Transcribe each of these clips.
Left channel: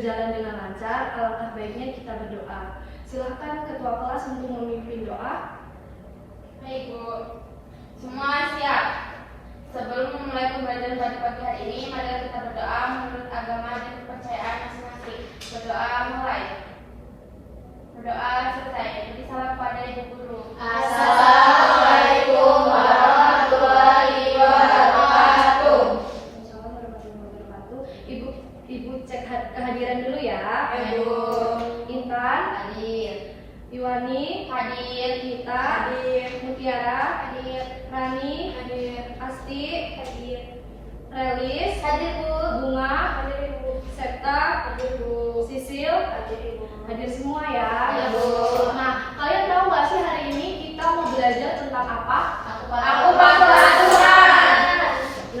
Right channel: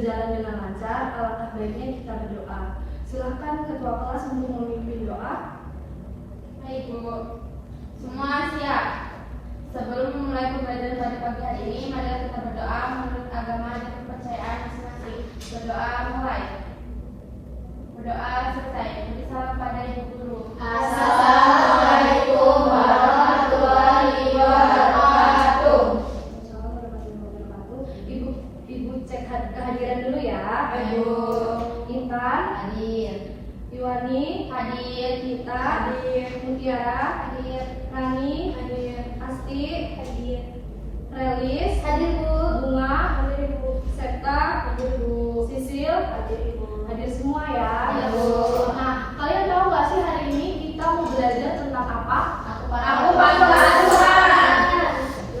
berjalan dengan lancar, alangkah baiknya kita berdoa. Silakan ketua kelas untuk memimpin doa. Baik, Bu. Semua siap. Sebelum memulai pembelajaran pada pagi hari ini, mari kita berdoa menurut agama dan kepercayaan masing-masing. Berdoa mulai. Berdoa selesai. Beri salam pada Ibu Guru. Assalamualaikum warahmatullahi wabarakatuh. Ibu cek kehadiran dulu ya. Ibu. Intan Hadir. Iwani Hadir. Gita hadir, Mutiara Hadir. Rani Hadir. Asti Hadir. Relis Hadir, Bu. Bunga Hadir, Ibu. Septa Hadir, Bu. Sisil Hadir, Ibu. hadir semua ya. Hadir, Bu. Nah, kalian tahu nggak sih hari ini kita mau belajar tentang apa? Aku peraturan.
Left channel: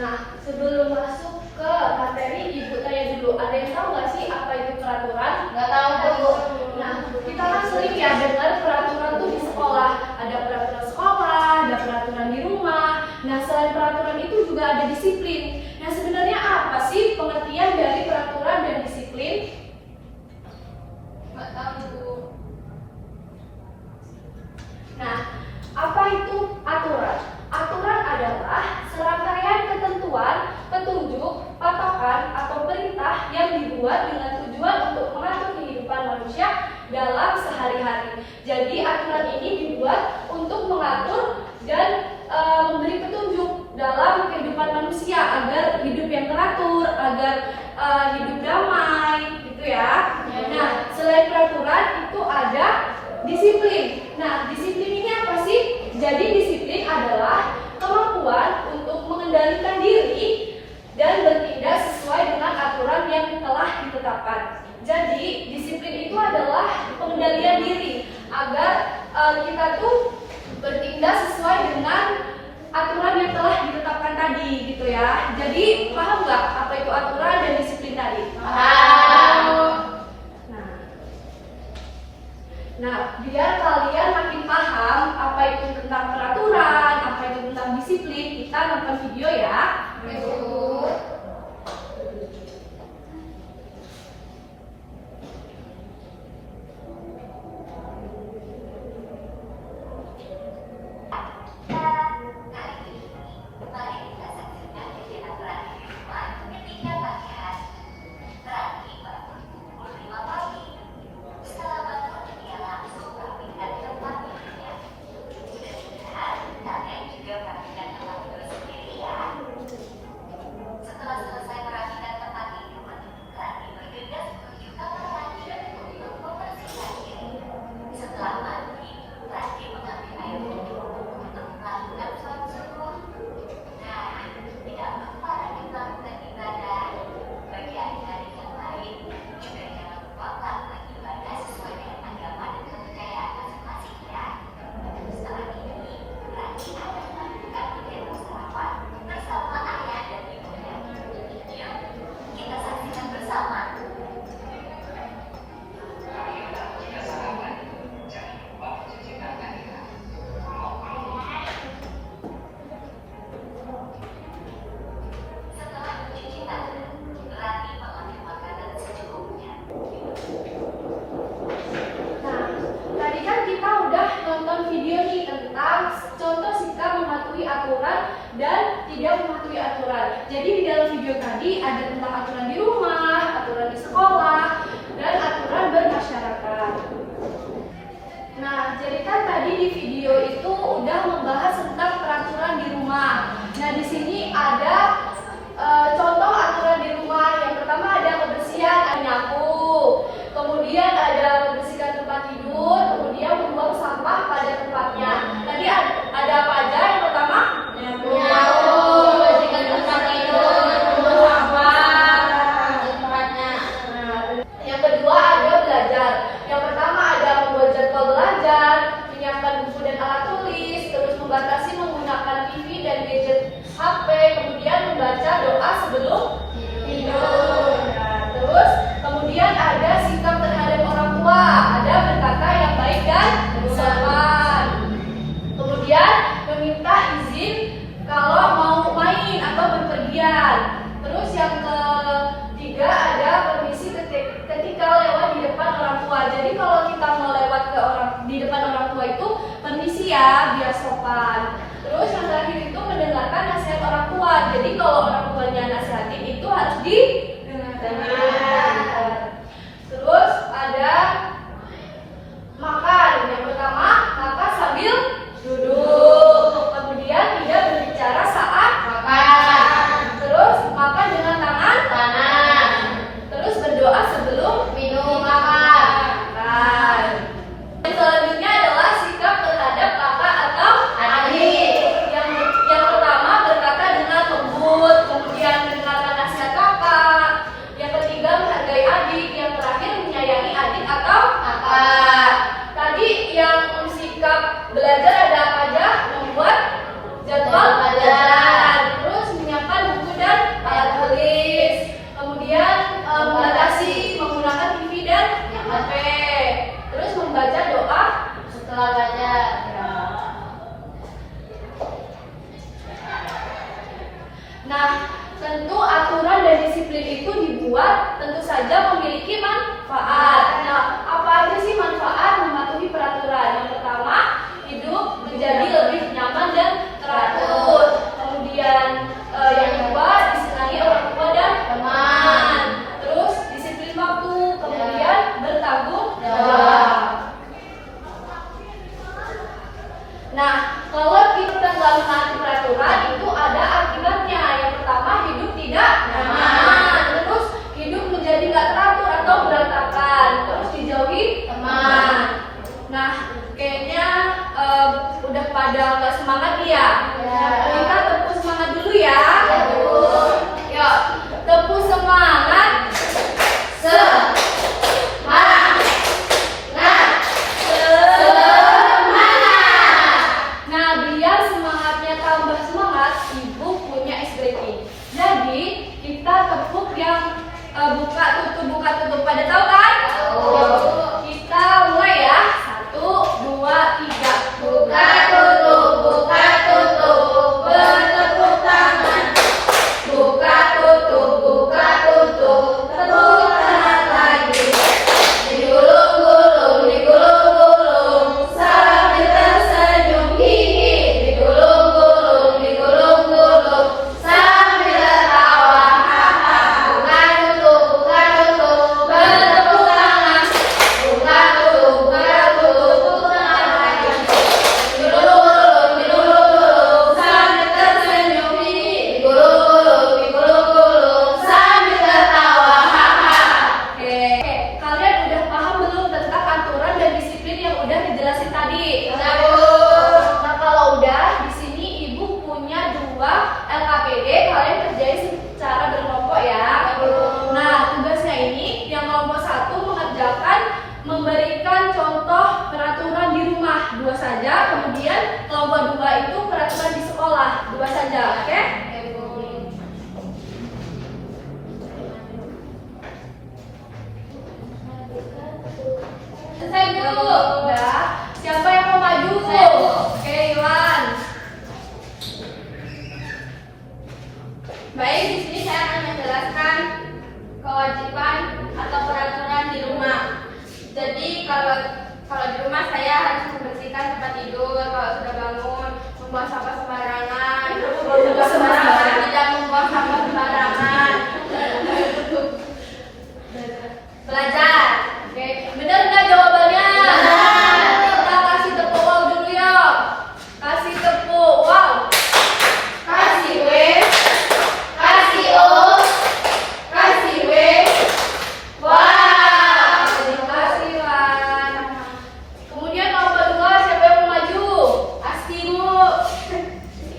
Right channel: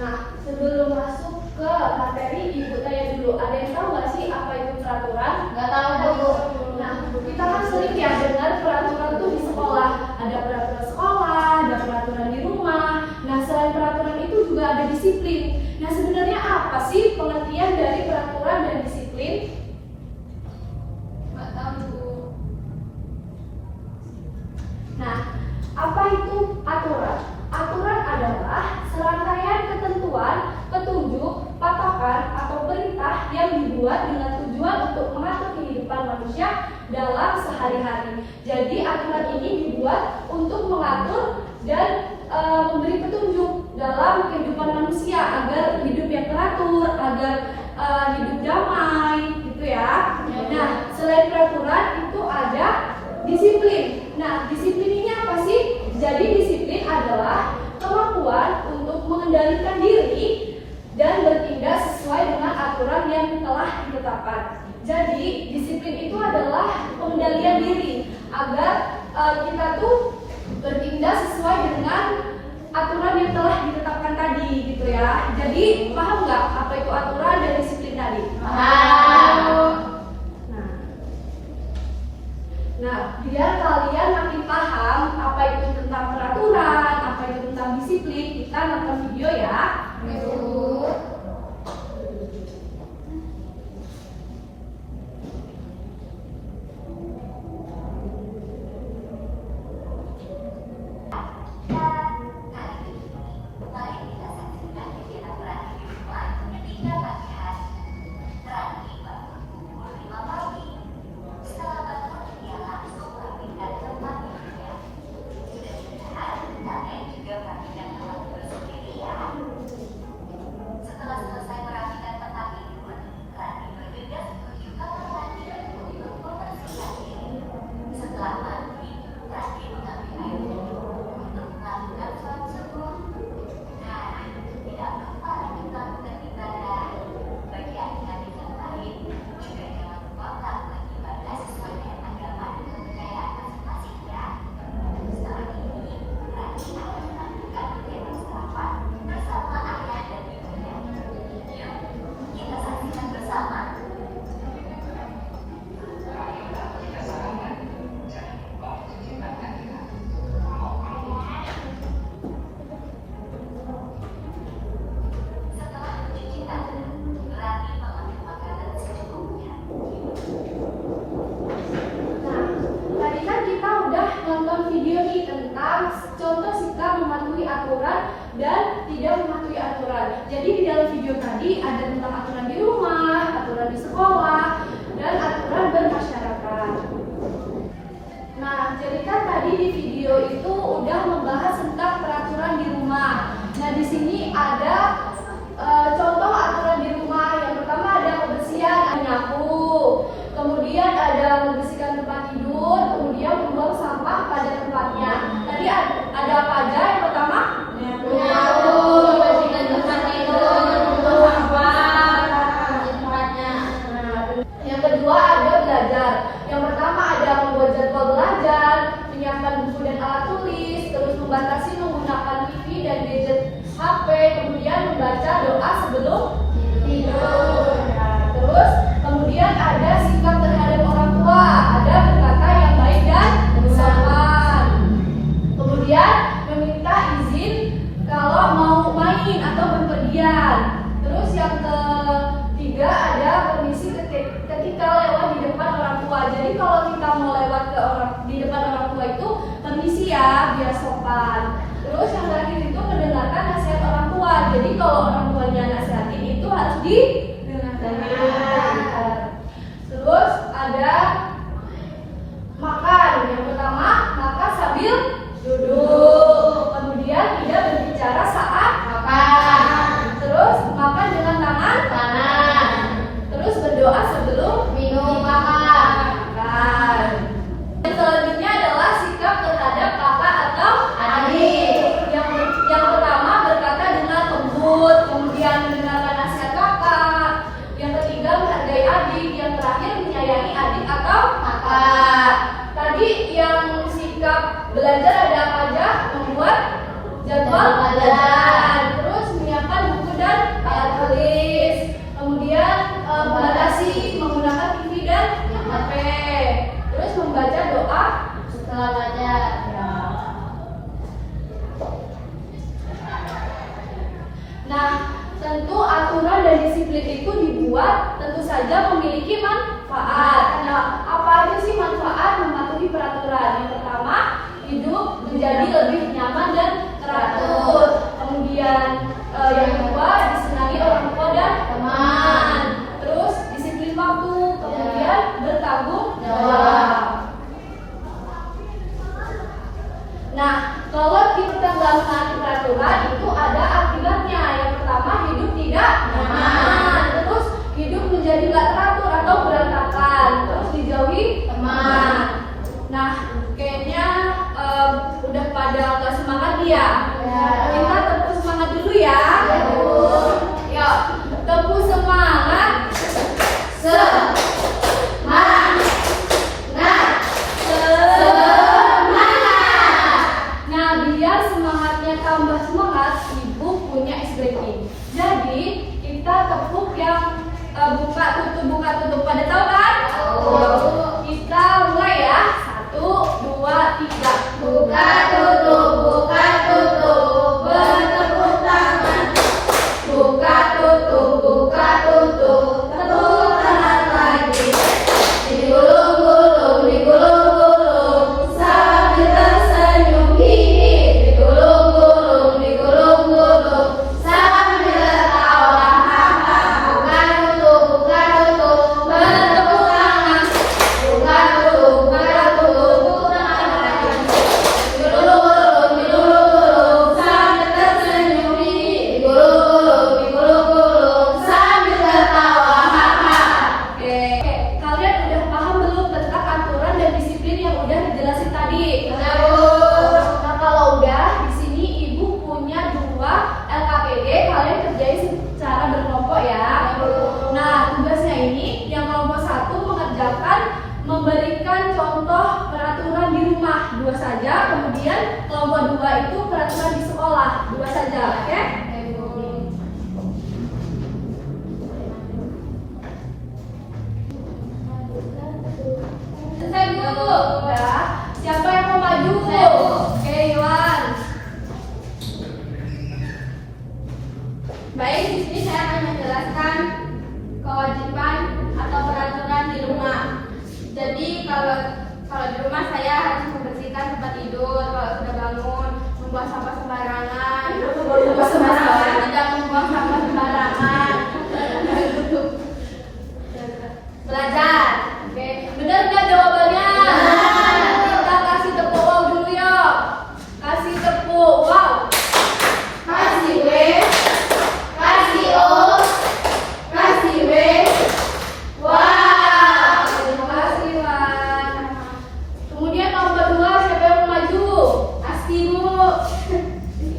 Nah, sebelum masuk ke materi, ibu tanya dulu, ada yang tahu nggak sih apa itu peraturan? Nggak tahu, Bu. Nah, kita kan sering ya dengar peraturan tuh di sekolah. Ada peraturan sekolah, ada peraturan di rumah. Nah, selain peraturan itu juga ada disiplin. Nah, sebenarnya apa sih pengertian dari peraturan dan disiplin? Nggak tahu, Bu. Nah, apa itu aturan? Aturan adalah serangkaian ketentuan, petunjuk, patokan, atau perintah yang dibuat dengan tujuan untuk mengatur kehidupan manusia dalam sehari-hari. Jadi aturan ini dibuat untuk mengatur dan memberi petunjuk dalam kehidupan manusia agar hidup yang teratur, agar hidup damai, gitu ya. Nah, selain peraturan itu ada disiplin. Nah, disiplin ini apa sih? Jadi disiplin adalah kemampuan untuk mengendalikan diri dan bertindak sesuai dengan aturan yang telah ditetapkan. Jadi disiplin itu adalah pengendalian diri agar kita tuh bertindak sesuai dengan aturan yang telah ditetapkan tadi, gitu ya. Jadi paham nggak apa itu aturan dan disiplin tadi? Paham. Nah, biar kalian makin paham apa itu tentang peraturan, apa itu tentang disiplin, kita nonton video ya. Bu. Nah, tadi kan kita udah nonton video nih tentang contoh sikap mematuhi aturan dan tidak mematuhi aturan. Jadi di dalam video tadi ada tentang aturan di rumah, aturan di sekolah, dan aturan bermasyarakat. Nah, jadi kan tadi di video itu udah membahas tentang peraturan di rumah. Nah, di sini ada contoh aturan di rumah. Yang pertama ada kebersihan, ada nyapu. Kemudian ada membersihkan tempat tidur, kemudian membuang sampah pada tempatnya. Tadi ada apa aja? Yang pertama Nyapu, membersihkan tempat tidur, membuang sampah pada tempatnya. Yang kedua ada belajar. Yang pertama ada membuat jadwal belajar, menyiapkan buku dan alat tulis, terus membatasi tua. Jadi kalau kita mau lewat ke di depan orang tua itu permisi ya, biar sopan. Terus yang terakhir itu mendengarkan nasihat orang tua. Jadi kalau orang tuanya nasihatin itu harus didengar. Terus ada makan. Yang pertama, makan sambil duduk. Kemudian tidak berbicara saat Makan. terus makan dengan tangan Kanan. terus berdoa sebelum Minum makan. makan. Yang selanjutnya adalah sikap terhadap kakak atau Adik. yang pertama berkata dengan lembut, kemudian mendengarkan nasihat kakak. Yang ketiga menghargai adik, yang terakhir menyayangi adik atau Kakak. tadi yang sikap belajar ada apa aja? Membuat jadwal pelajaran, terus menyiapkan buku dan alat tulis, kemudian membatasi menggunakan TV dan HP, terus membaca doa Setelah baca. Nah, tentu aturan dan disiplin itu dibuat tentu saja memiliki manfaat. Nah, apa aja sih manfaat mematuhi peraturan? Yang pertama, hidup menjadi lebih nyaman dan teratur. Kemudian yang kedua, disenangi orang tua dan teman. Terus disiplin waktu, kemudian bertanggung jawab. Nah, kalau kita nggak menaati peraturan itu ada akibatnya. Yang pertama, hidup tidak nyaman. Terus hidup menjadi nggak teratur atau berantakan. Terus dijauhi teman. Nah, kayaknya udah pada nggak semangat ya. Kita tepuk semangat dulu ya. Yuk, tepuk semangat. Nah, biar semangatnya tambah semangat, ibu punya ice breaking. Jadi kita tepuk yang buka tutup. Pada tahu kan? Kita mulai ya. 1, 2, 3. Buka tutup. Bertepuk tangan. Buka tutup. Tepuk tangan lagi. Digulung-gulung sambil tersenyum hihi. Digulung-gulung sambil tertawa haha. Buka tutup. Bertepuk tangan. Buka tutup. Tepuk tangan lagi. Digulung-gulung sambil tersenyum hihi. Digulung-gulung sambil tertawa haha. Oke, kalian udah paham belum tentang aturan dan disiplin yang udah dijelasin tadi? Nah, kalau udah, di sini ibu punya 2 LKPD, kalian kerjain secara berkelompok ya. Nah, tugasnya ini yang kelompok 1 mengerjakan memberikan contoh peraturan di rumah 2 saja, kemudian kelompok 2 itu peraturan di sekolah 2 saja, oke? Selesai dulu, ya. Siapa yang mau maju? Saya, Bu. Oke, Iwan. Baik, di sini saya akan menjelaskan kewajiban atau peraturan di rumah. Jadi kalau di rumah saya harus membersihkan tempat tidur, kalau sudah bangun, membuang sampah sembarangan, tidak membuang sampah sembarangan. Belajar. Oke, benar nggak jawabannya? Kita kasih tepuk wow dulu ya. Kasih tepuk wow. Kasih W, kasih O, kasih W. Wah. Terima kasih, Wan. Kemudian kelompok 2 siapa yang mau maju? Astimu. Asti.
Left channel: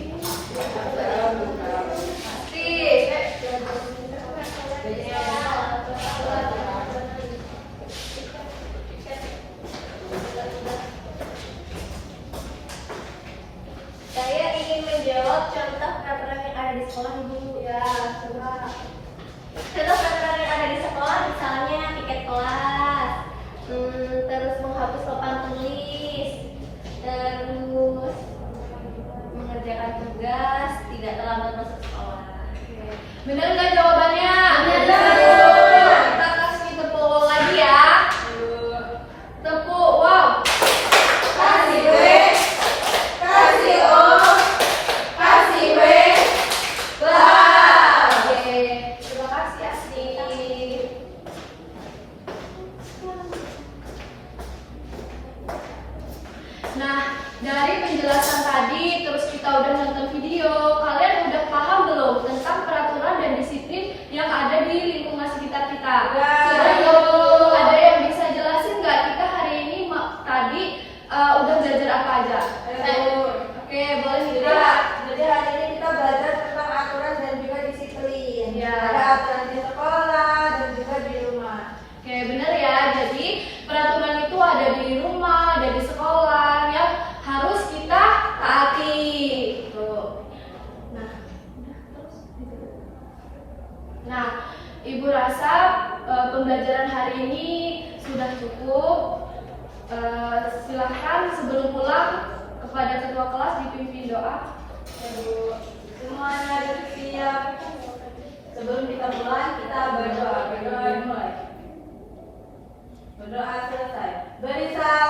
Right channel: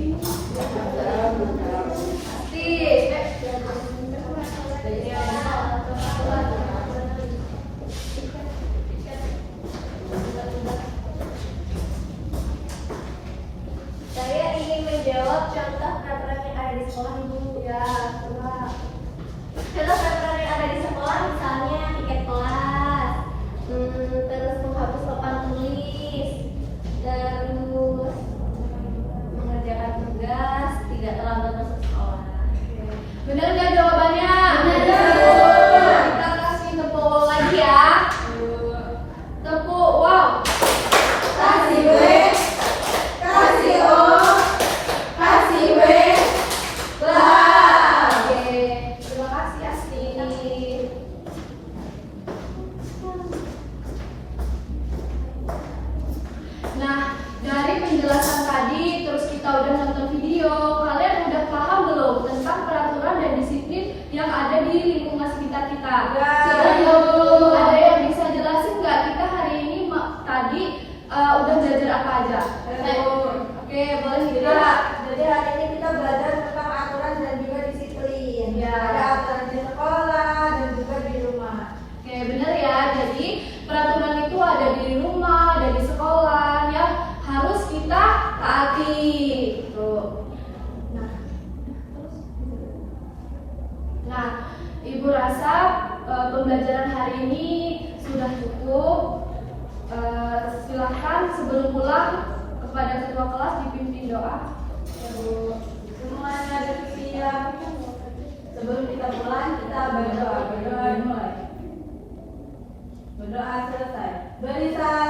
yang ada di lingkungan sekitar kita. Betul. Ada yang bisa jelasin nggak kita hari ini tadi udah belajar apa aja? Oke, boleh gitu. Jadi hari ini kita belajar tentang aturan dan juga disiplin. Ya. Ada aturan di sekolah dan juga di rumah. Oke, benar ya. Jadi peraturan itu ada di rumah, ada di sekolah yang harus kita taati. Tuh. Nah, Ibu rasa pembelajaran hari ini sudah cukup. Silahkan sebelum pulang kepada ketua kelas dipimpin doa. Ibu, semuanya bersiap. Sebelum kita pulang, kita berdoa. Berdoa mulai. Berdoa selesai. Beri salam.